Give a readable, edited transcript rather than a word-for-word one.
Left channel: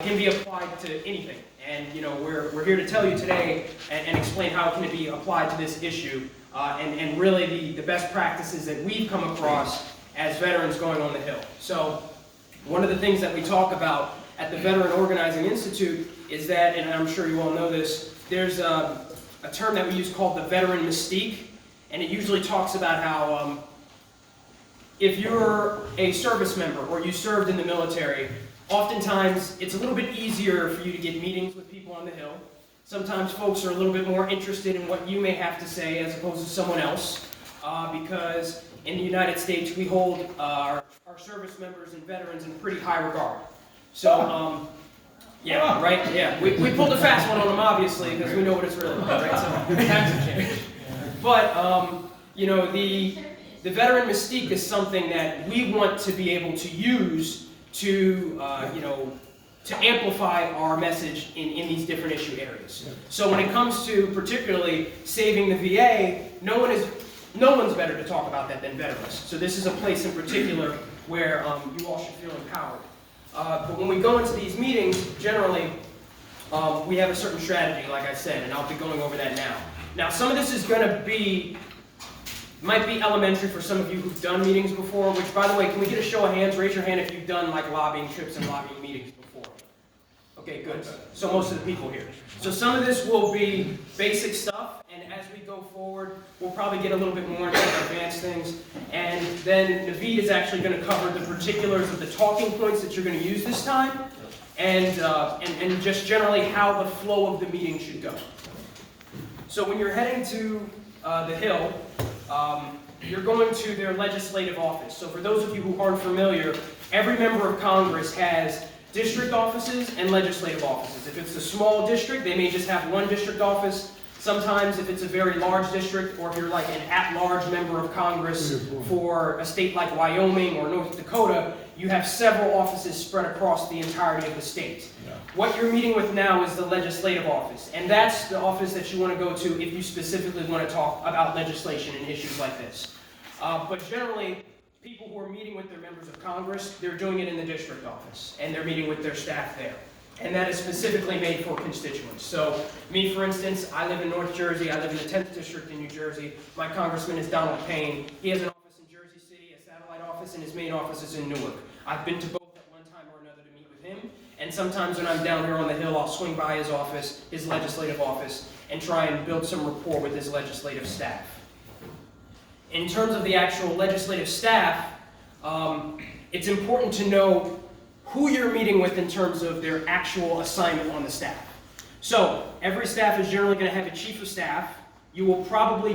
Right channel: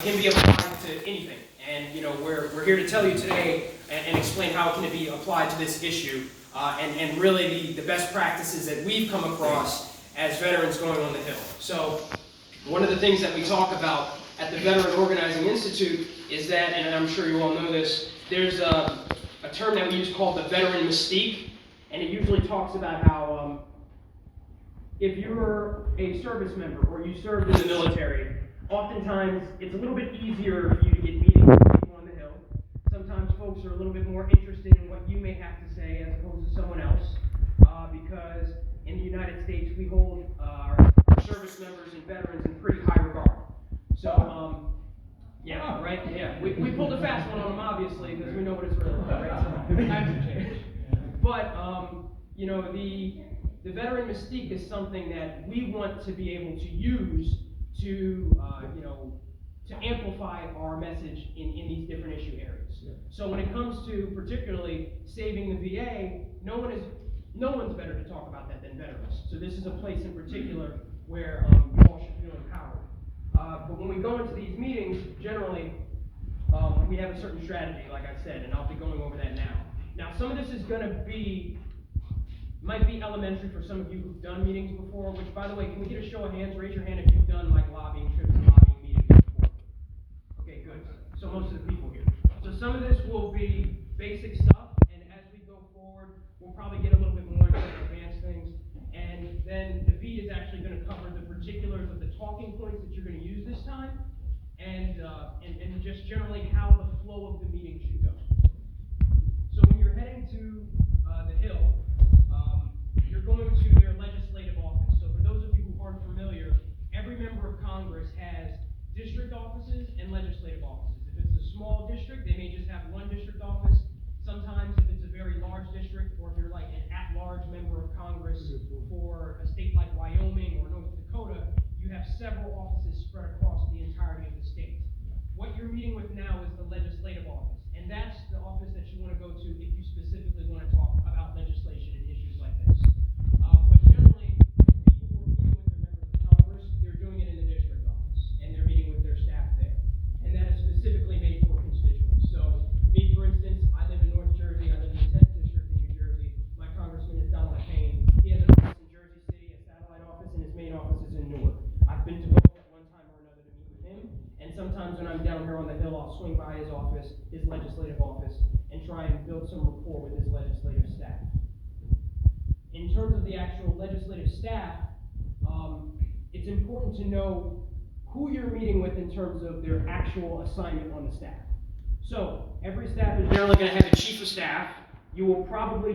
can be applied to anything. And we're here to tell you today and explain how it can be applied to this issue and really the best practices that we've come across as veterans going on the Hill. So one of the things that we talk about at the Veteran Organizing Institute is that, and I'm sure you all know this, there's a term that we use called the veteran mystique, and it usually talks about how if you're a service member or you served in the military, oftentimes it's a little bit easier for you to get meetings with people on the Hill. Sometimes folks are a little bit more interested in what you may have to say as opposed to someone else, because in the United States we hold our service members and veterans in pretty high regard. So, yeah, right? Yeah, we pulled a fast one on them, obviously, because we know what it's really about, right? So, times have changed. But, the veteran mystique is something that we want to be able to use to, to amplify our message in these different issue areas. So when it comes to particularly saving the VA, no one's better to talk about that than veterans. So this is a place in particular where you all should feel empowered. But when we go into these meetings, generally, we have a certain strategy, like I said, and I'll be going over that now. Now, some of this is going to might be elementary for some of you who've done meetings before, which, by the way, can we get a show of hands? Raise your hand if you've done, like, lobbying trips and lobbying meetings before. Okay, good. So most of the people here. So some of this will be basic stuff, and as we go forward, we'll probably get a little bit more into advanced things. And then Naveed is actually going to cover the particulars of the talking points that you're going to use this time, and just generally how the flow of the meeting should go. So when you're heading to the Hill, you're going to their legislative office. So for those of you who aren't familiar, every member of Congress has district offices and legislative offices. If it's a small district, they may just have one district office. Sometimes if it's a very large district, or if you're like an at-large member of Congress for a state like Wyoming or North Dakota, you have several offices spread across the entirety of the state. What you're meeting with now is the legislative office, and that's the office that you want to go to if you specifically want to talk about legislation and issues like this. But generally, people who are meeting with their members of Congress, they're doing it in the district office, and they're meeting with their staff there. And that is specifically made for constituents. So, me, for instance, I live in North Jersey. I live in the 10th District in New Jersey. My congressman is Donald Payne. He has an office in Jersey City, a satellite office, and his main office is in Newark. I've been to both at one time or another to meet with him. And sometimes when I'm down here on the Hill, I'll swing by his office, his legislative office, and try and build some rapport with his legislative staff. In terms of the actual legislative staff, it's important to know who you're meeting with in terms of their actual assignment on the staff. So every staff is generally going to have a chief of staff. You will probably